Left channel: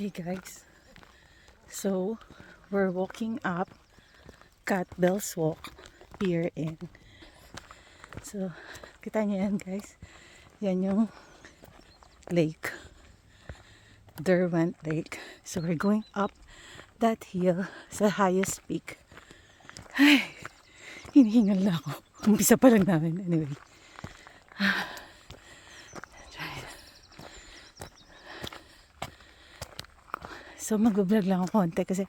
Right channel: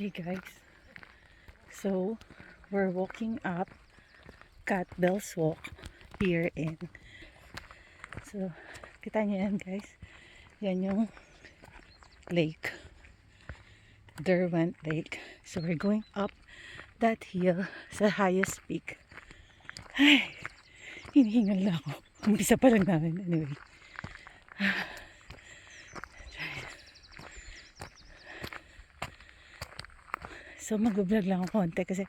Okay guys, so we're walking up Catbells walk here in, so kita nyo yan guys, yan yung lake, Derwent Lake. So we're going up that hill sa highest peak. Ay, hinihingal na ako, umpisa pa lang namin. Anyway, so mag-vlog lang ako konti kasi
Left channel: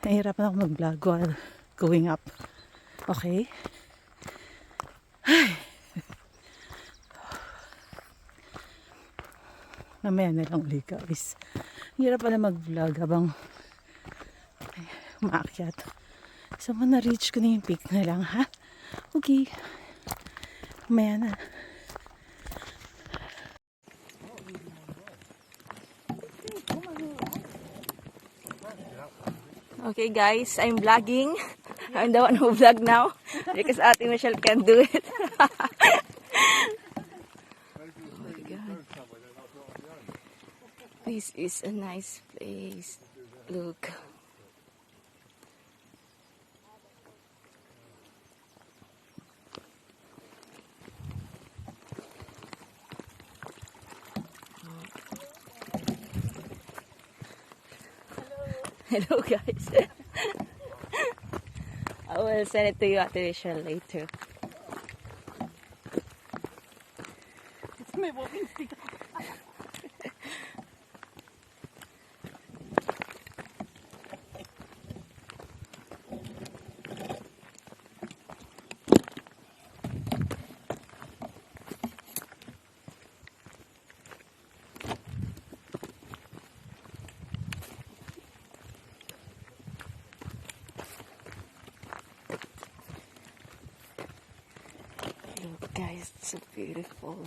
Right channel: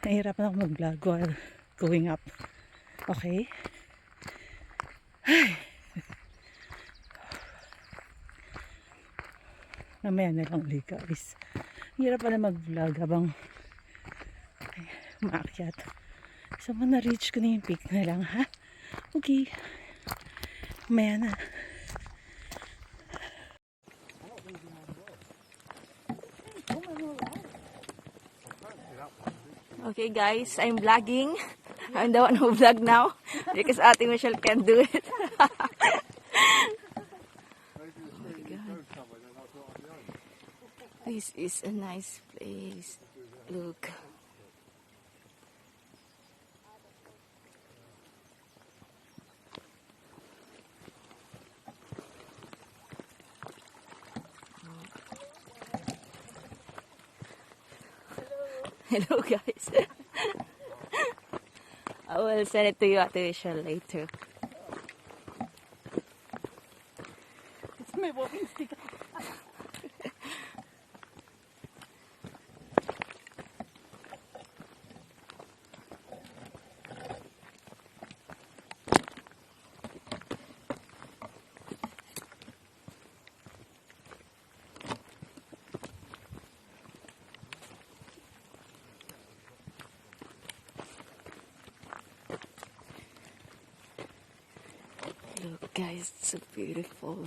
nahihirapan ako mag-vlog while going up. Okay? Ay. Mamaya na lang ulit guys. Hirap pala mag-vlog habang umaakyat. So na-reach ko na yung peak na lang, ha? Okay. Mamaya na. Okay guys, I'm vlogging. I'm the one who vlog now because Ate Michelle can't do it. This is a nice place. Look. Hello guys. I will send it to you after the show later. May walking stick. Look guys, it's so beautiful.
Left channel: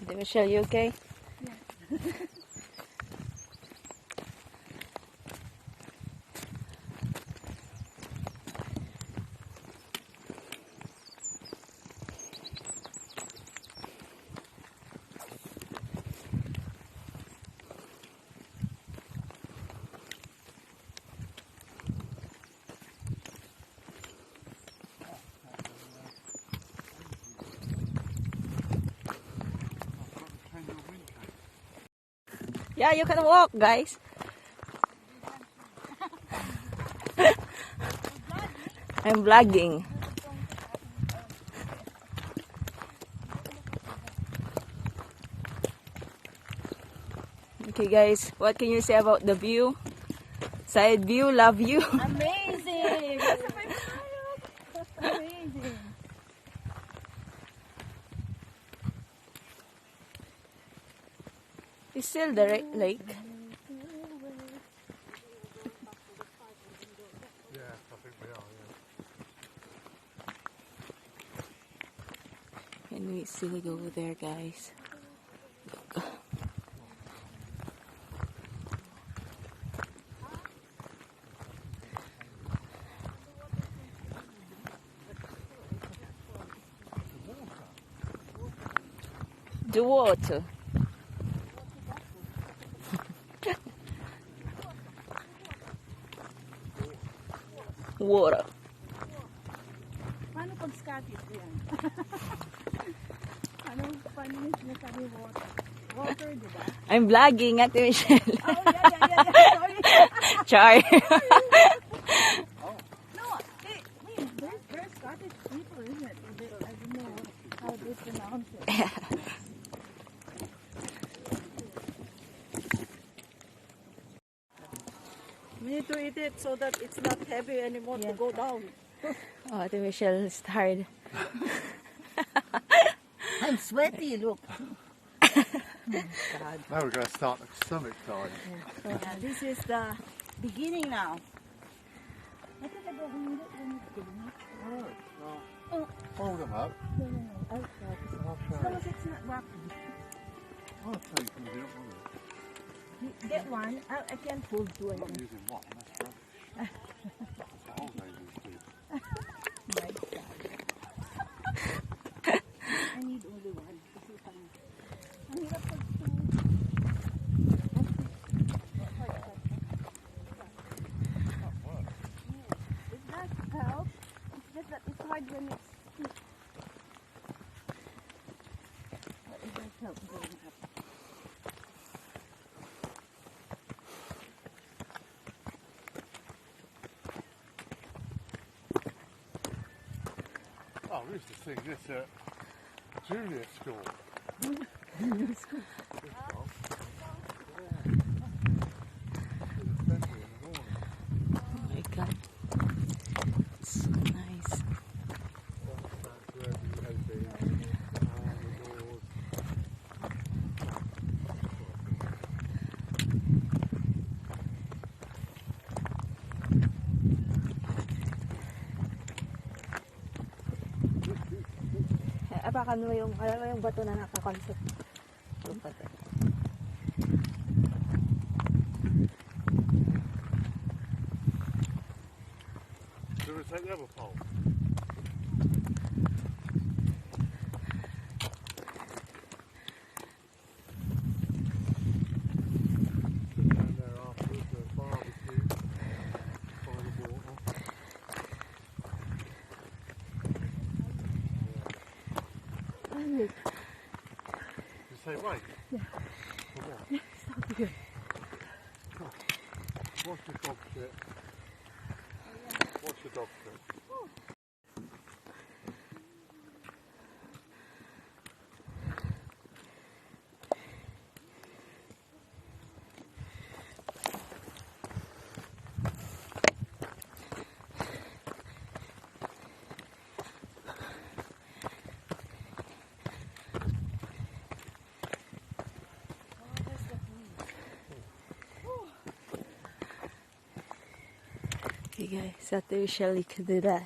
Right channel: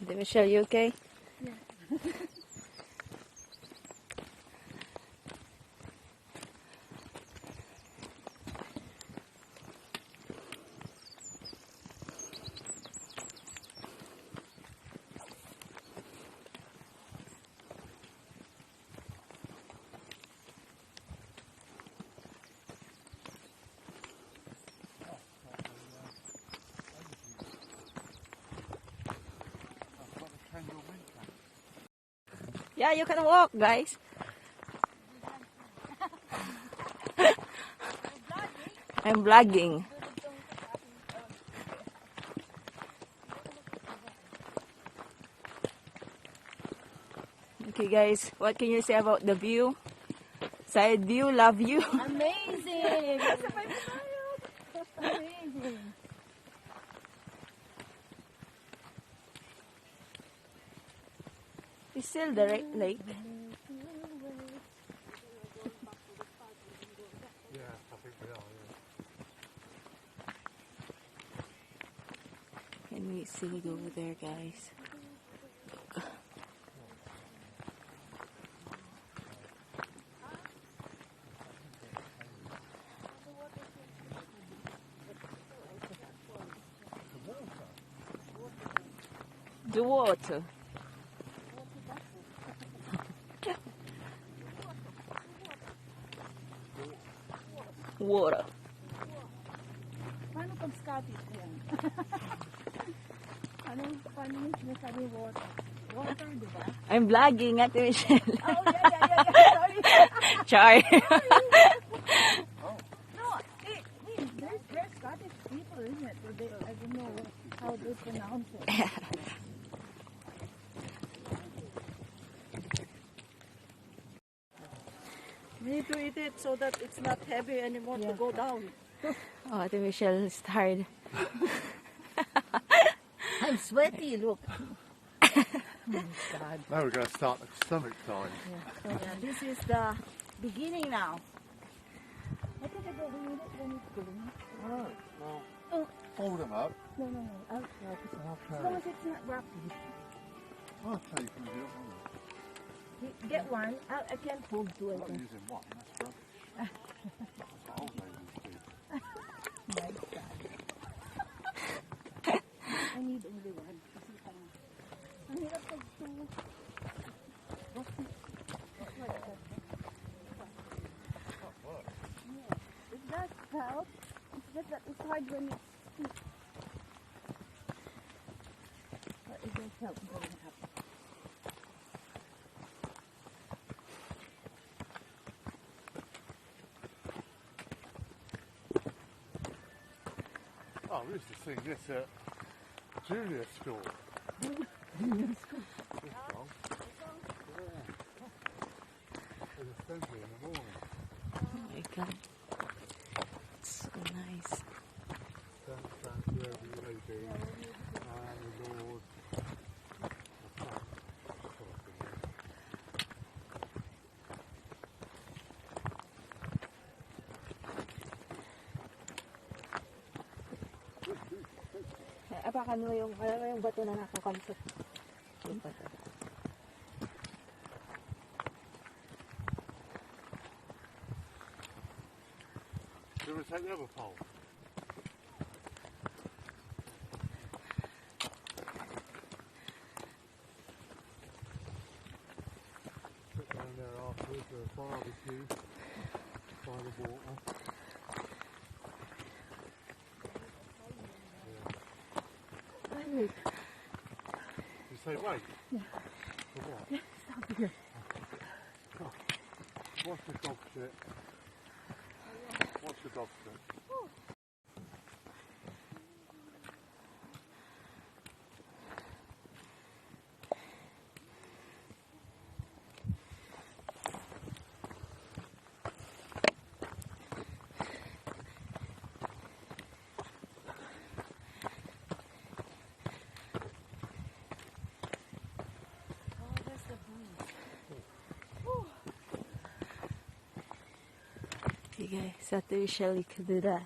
Did I show you okay? Yeah. Yeah, you can walk, guys. I'm vlogging. Okay, guys, what can you say about the view? Side view, love you. Amazing! Amazing! It's still the lake. Yeah, I think we are, yeah. Can we still go over there, guys? The water. Water. Paano pag Scottish yan? Paano yung sinasabi water? Walker, di ba? I'm vlogging, Ate Michelle. Oh, yeah. Sorry. Char. No, they're Scottish people, isn't it? I don't know how they pronounce it. We need to eat it so that it's not heavy anymore to go down. Oh, Ate Michelle is tired. I'm sweaty, look. Now we're going to start the stomach side. Yeah, this is the beginning now. What did I get when it's beginning? Alright, well, Oh. fold them up. No. I'll I'll as show long you. as it's not rocky. I'll show you from the other one. Get one. I can't hold two. I I'm not think. using one, that's rubbish. That's what old ladies do. My God. I need only one. Kasi parang- ang hirap pag it does help. It's just that it's hard when it's steep. But it does help going up. Oh, we used to sing this at junior school. Junior school. This song. Yeah. Did assembly in the morning. Okay. So nice. Stand wherever you may be. I am the Lord. Apakan mo yung bato na nakakonsep. Do you want to take the other pole? Sit down there afterwards, a barbecue by the water. You say wait? Yeah. For what? Stop here. What's your dog shit? What's your dog shit? Okay guys, Ate Michelle, you can do that.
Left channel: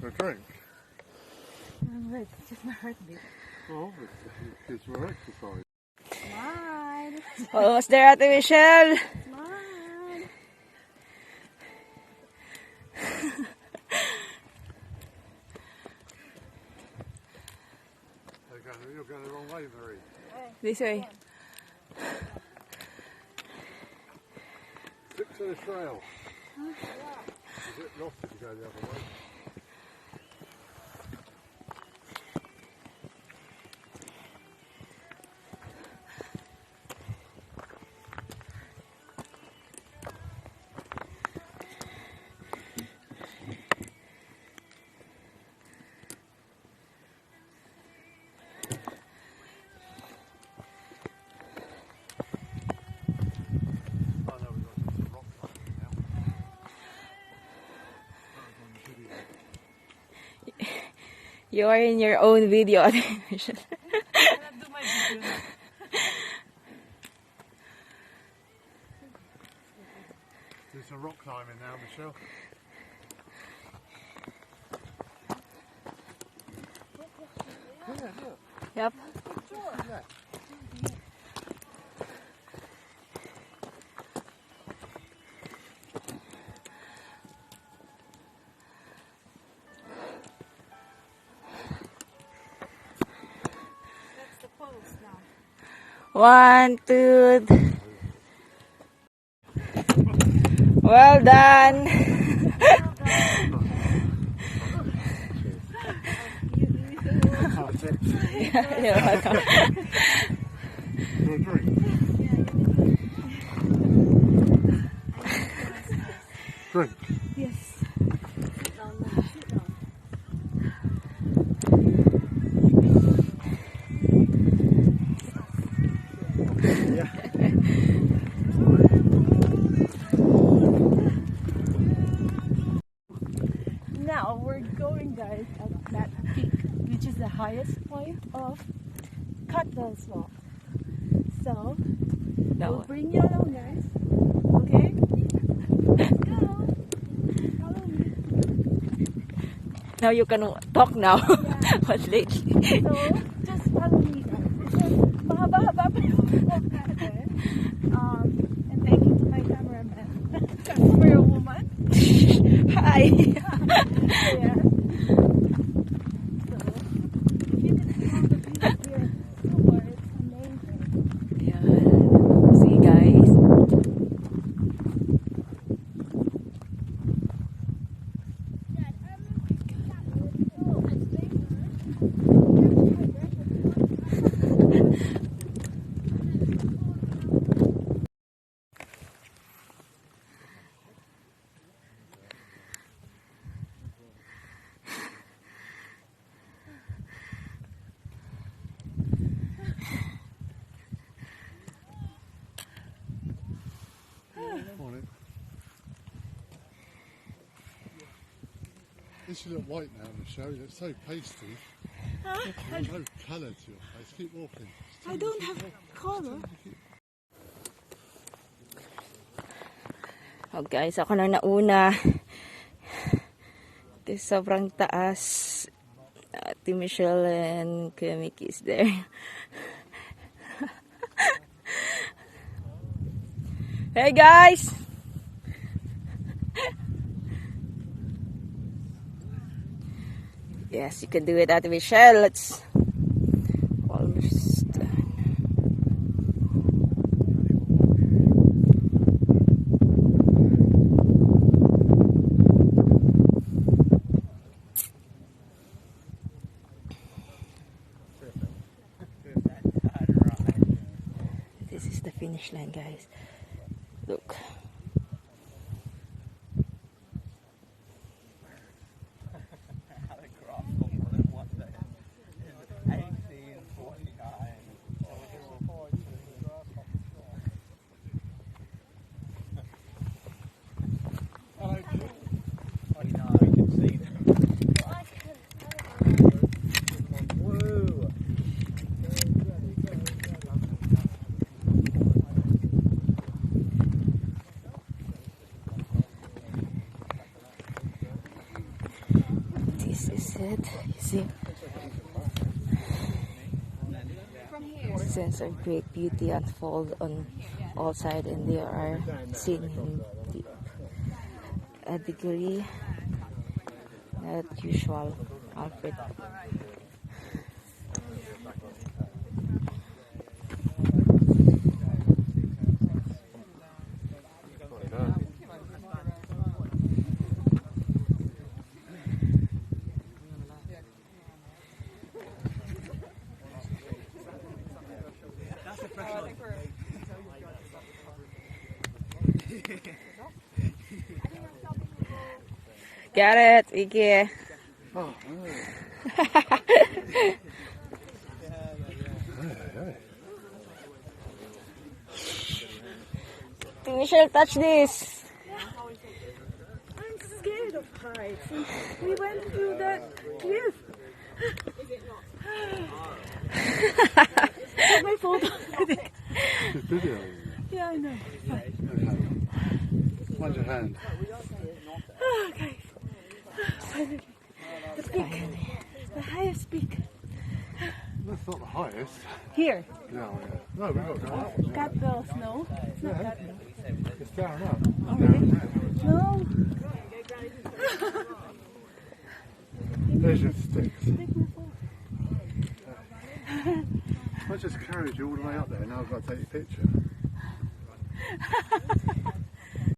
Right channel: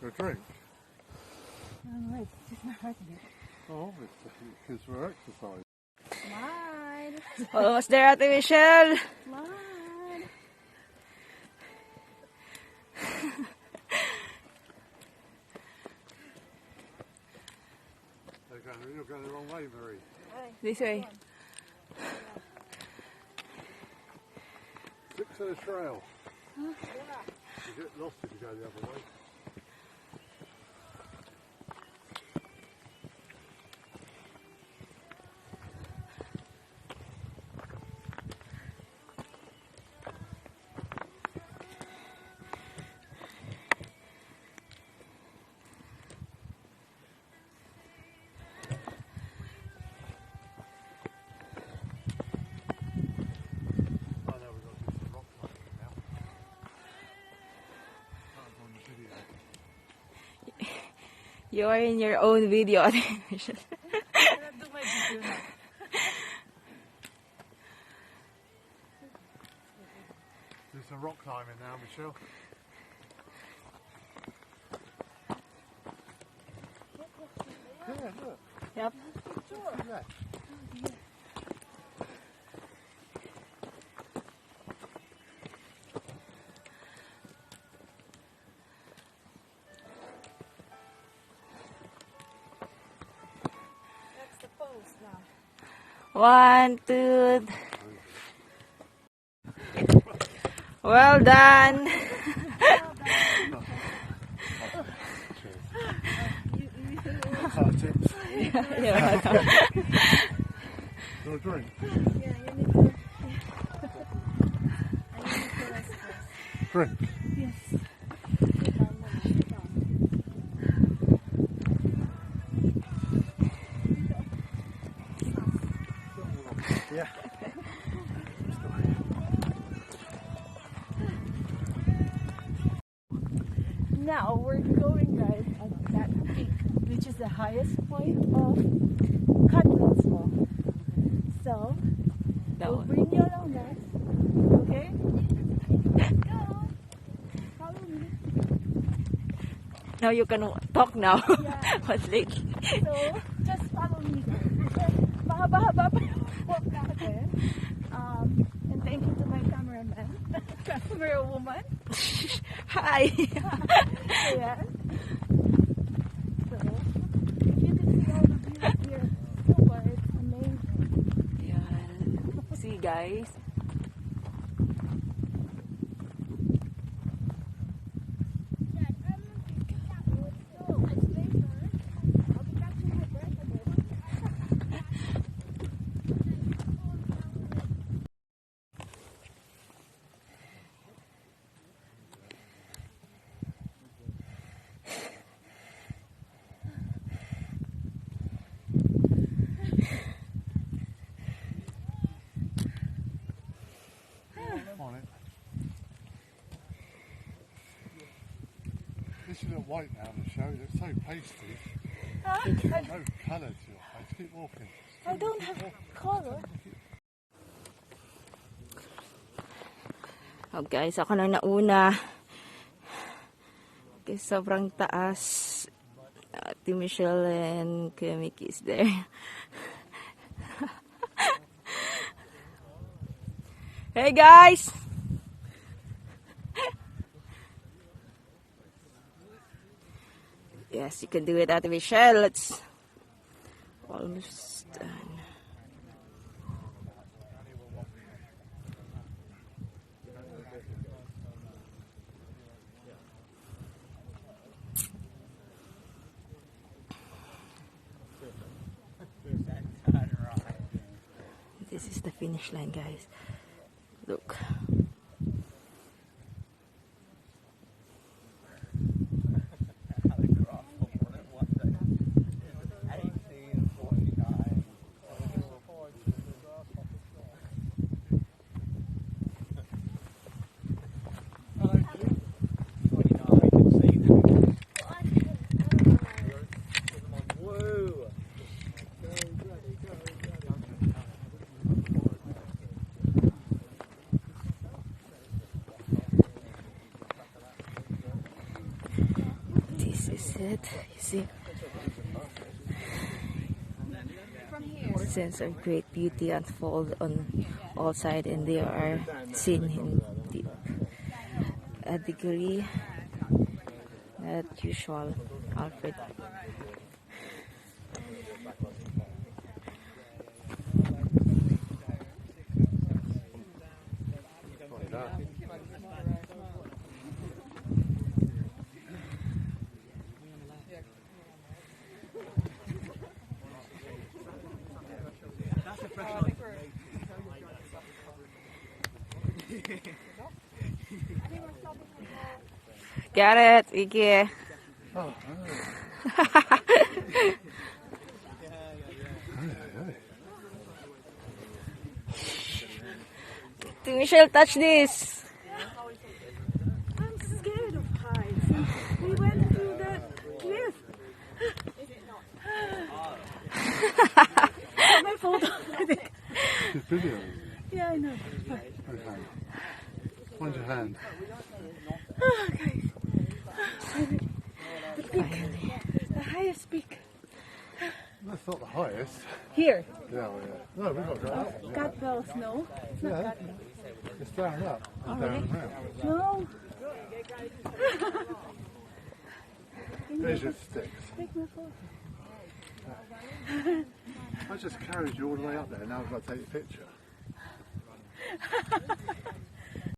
For a drink? Wait, it's just my heartbeat. Oh, obviously, because we're exercising. Smile. Almost there, Ate Michelle. Smile. You're going the wrong way, Marie. This way. Stick to the trail. You get lost if you go the other way. I know we've got to do some rock climbing now. That was on the video. You are in your own video, Ate Michelle. I cannot do my video now. Do some rock climbing now, Michelle. Yeah, look. Yep. Just left. 1, 2. Well done. You're welcome. Do a drink. Drink. Yes. Now we're going, guys, at that peak, which is the highest point of Catbells Walk. So we'll bring you along, guys. Okay? Let's go. Follow me. Now you can talk now. Yeah. But lately. So just follow me, guys. Mahaba-haba pa yung walk natin. And thank you to my cameraman. Camera woman. Hi. Yeah. So, if you can see all the views here, so far, it's amazing. Yeah. See, guys. This is a white now, Michelle. It's so pasty. Huh? There's no colour to it. Let's keep walking. I don't have color. Oh guys, ako na nauna. Kasi sobrang taas. Ate Michelle and Kuya Mickey is there. Hey guys! Yes, you can do it, Ate Michelle. Let's almost done. This is the finish line, guys. Look. This is it. You see? Sense of great beauty unfold on all sides, and they are seen in a degree not usual output. Got it, Iggy. Oh, Michelle, touch this. I'm scared of heights. We went through that cliff. My photo. she's video. Yeah, I know. Where's your hand? Oh, guys. The peak. The highest peak. That's not the highest. Here. Yeah, no, we've got to go up. Catbells, no. It's not Yeah. Catbells. It's down up. Oh, Down really? now. No. There's your sticks. Take my phone. I just carried you all the way up there. Now I've got to take a picture.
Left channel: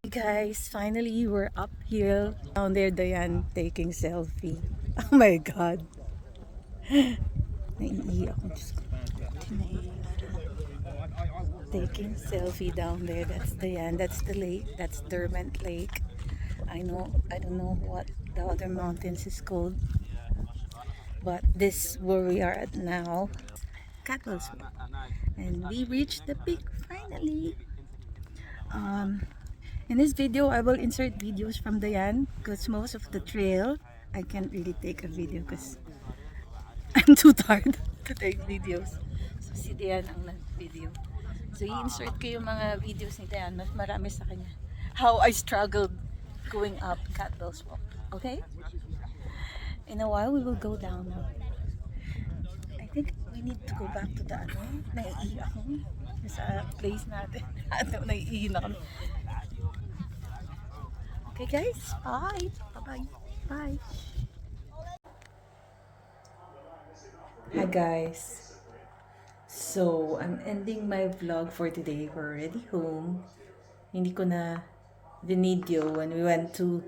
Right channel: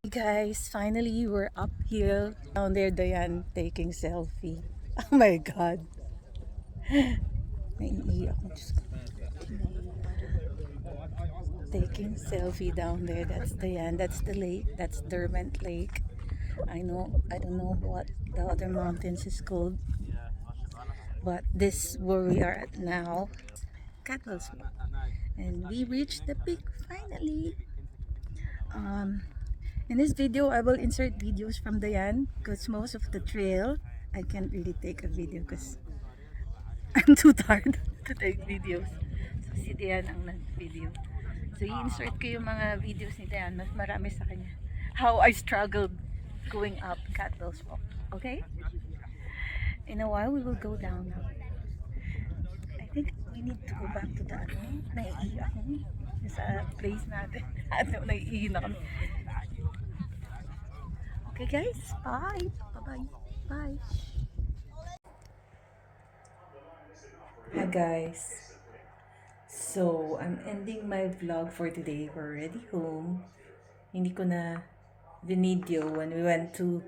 Guys, finally we're up here. Down there, Diane taking selfie. Oh my God. Naiiyak ako. Diyos ko. Taking selfie down there. That's Diane. That's the lake. That's Derwent Lake. I don't know what the other mountains is called. But this where we are at now. Catbells. And we reached the peak finally. In this video, I will insert videos from Diane because most of the trail, I can't really take a video because I'm too tired to take videos. So si Diane ang nag-video. So i-insert ko yung mga videos ni Diane. Mas marami sa kanya. How I struggled going up Catbells Walk. Okay? In a while, we will go down now. I think we need to go back to the naiiyak ako. Sa place natin. Naiiyak na kami. Okay guys, bye. Bye-bye. Bye. Hi guys. So, I'm ending my vlog for today. We're already home. Hindi ko na video when we went to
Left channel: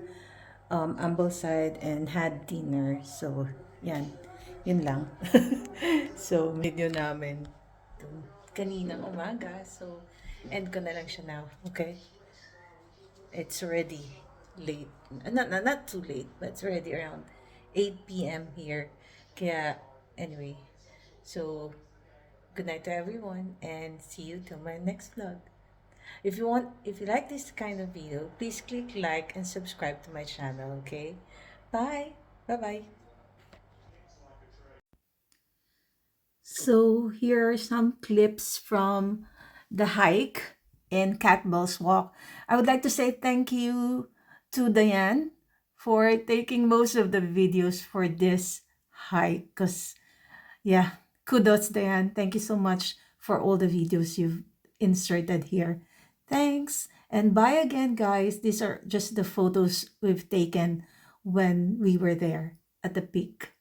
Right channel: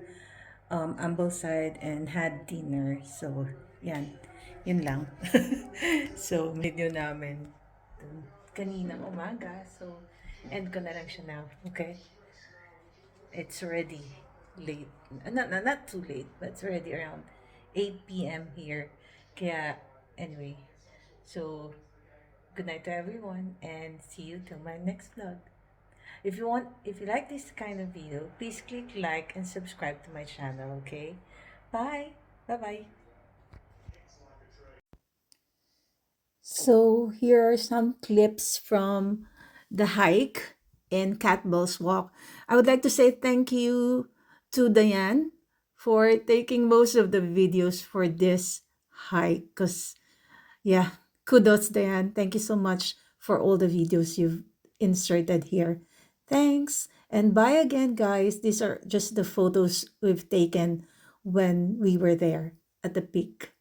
Ambleside and had dinner. So, yan. Yun lang. So, video namin kaninang umaga. So, end ko na lang siya now. Okay? It's already late. Not too late, but it's already around 8 p.m. here. Kaya, anyway. So, good night to everyone and see you till my next vlog. If you like this kind of video, please click like and subscribe to my channel, okay? Bye. Bye-bye. So here are some clips from the hike in Catbells Walk. I would like to say thank you to Diane for taking most of the videos for this hike. Because, yeah, kudos, Diane. Thank you so much for all the videos you've inserted here. Thanks. And bye again, guys. These are just the photos we've taken when we were there at the peak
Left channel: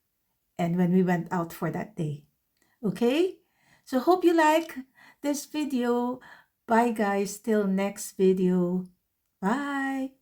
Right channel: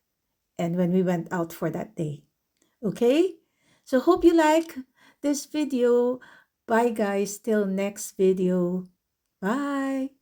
and when we went out for that day. Okay? So hope you like this video. Bye guys, till next video. Bye.